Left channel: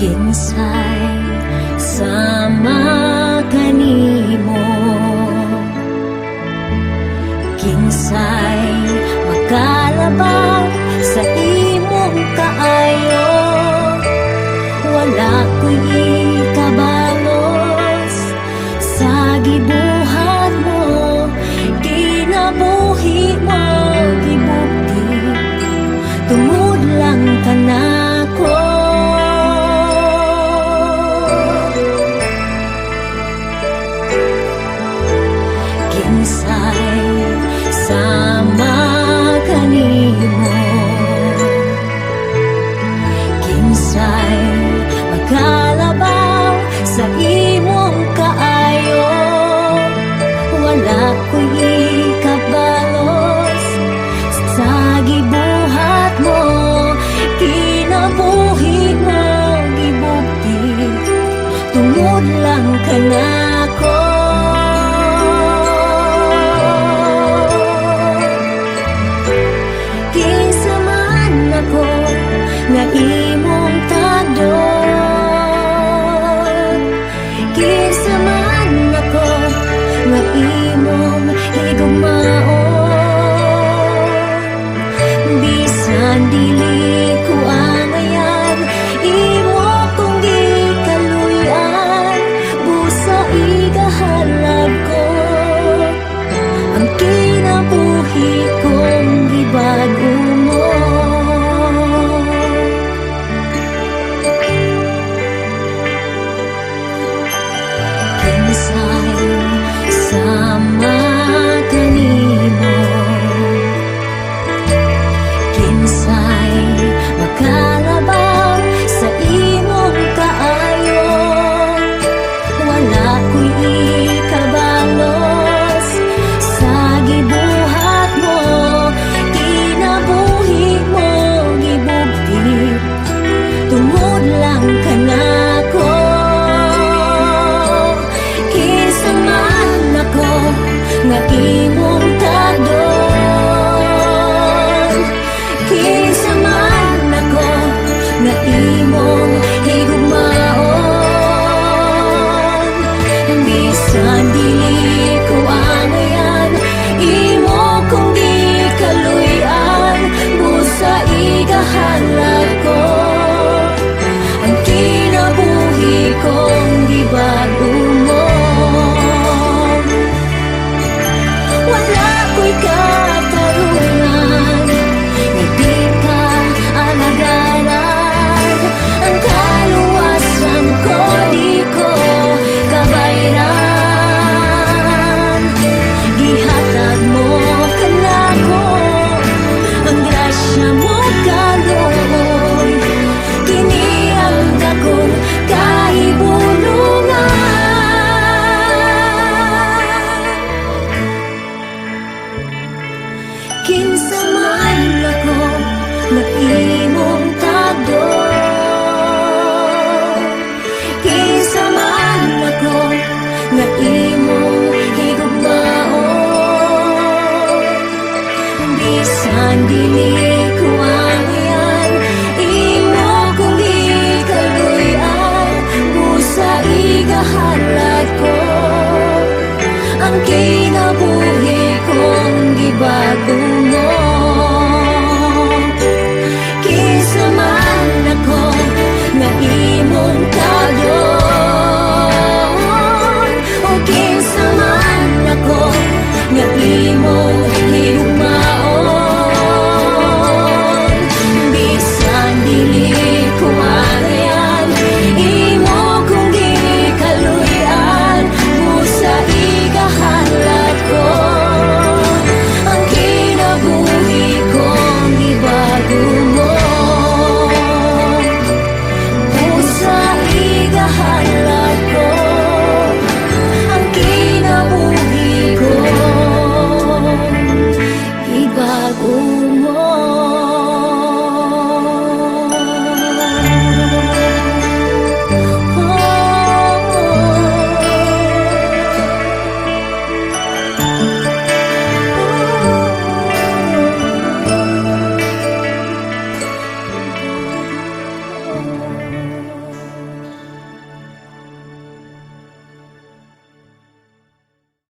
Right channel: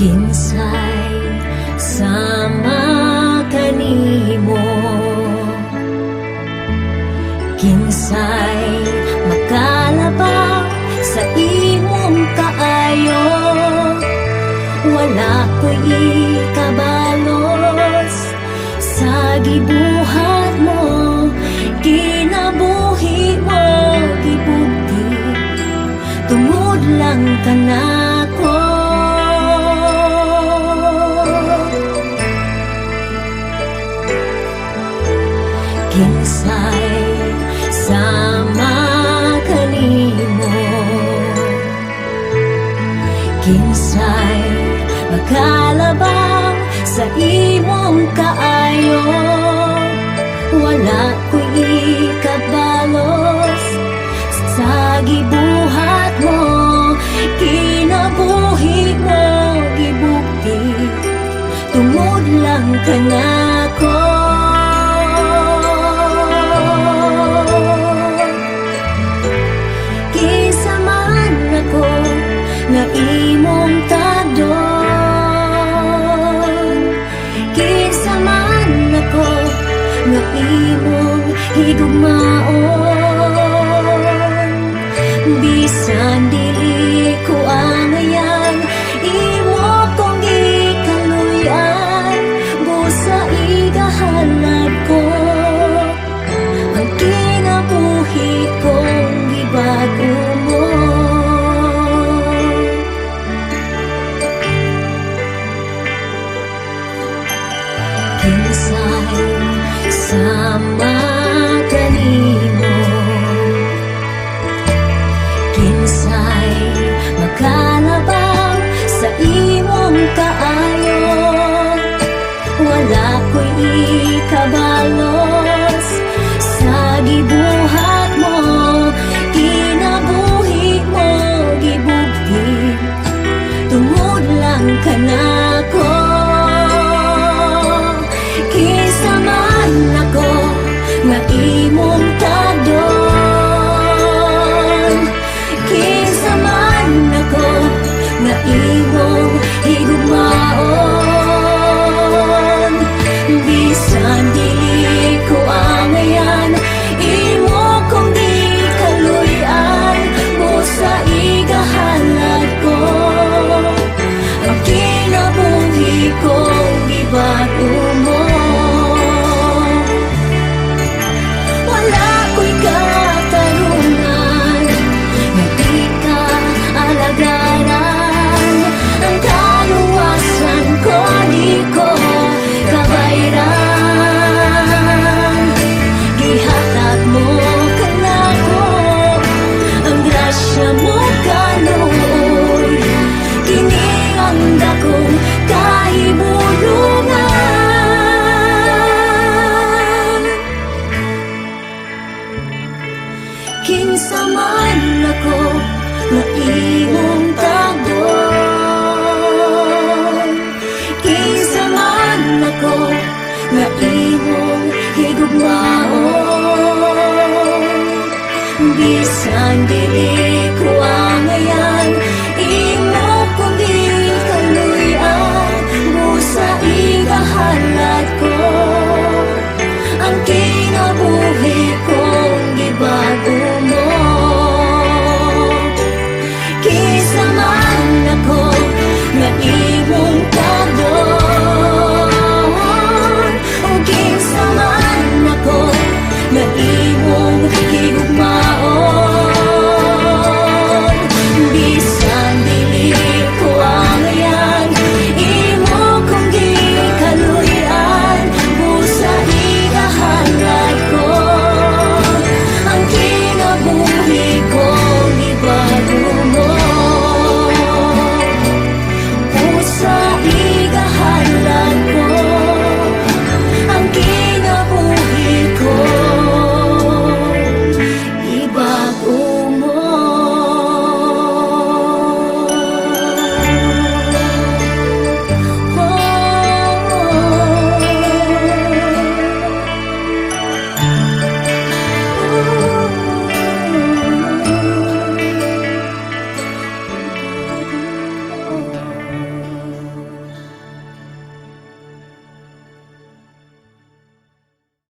Kinsay sama kanimo, kinsay makalabaw sa imong kaayo. Wala ko'y ikabalos sa gibuhat mo, kinabuhi mo gibugti, tungod lang kanako. Kinsay sama kanimo, kinsay makalabaw sa imong kaayo. Wala ko'y ikabalos sa gibuhat mo, kinabuhi mo gibugti, tungod lang kanako. Nga imong tagdon, kinsa man ako nga imong higugmaon. Bisan dili ko angayan, imo kong gikaluyan, busa igahalad ko ang kinabuhi kong gibag-o mo. Kinsay sama kanimo, kinsay makalabaw sa imong kaayo. Wala ko'y ikabalos sa gibuhat mo, kinabuhi mo gibugti, tungod lang kanako. Kinsa man ako nga imong tagdon, kinsa man ako nga imong higugmaon. Bisan dili ko angayan, imo kong gikaluyan, busa igahalad ko ang kinabuhi kong gibag-o mo. Alagaran ang kaluwasan ko, di ko kabayran. Gihatag mo kanako ang grasya mo kaluoy, kini ang dakong kahibulungan. Kinsa man ako nga imong tagdon, kinsa man ako nga imong higugmaon. Bisan dili ko angayan, imo kong gikaluyan, busa igahalad ko ang kinabuhi kong gibag-o mo. Nga imong tagdon, o kinsa man ako nga imong higugmaon. Bisan dili ko angayan, imo kong gikaluyan, busa igahalad ko ang kinabuhi kong gibag-o mo. Sa igahalad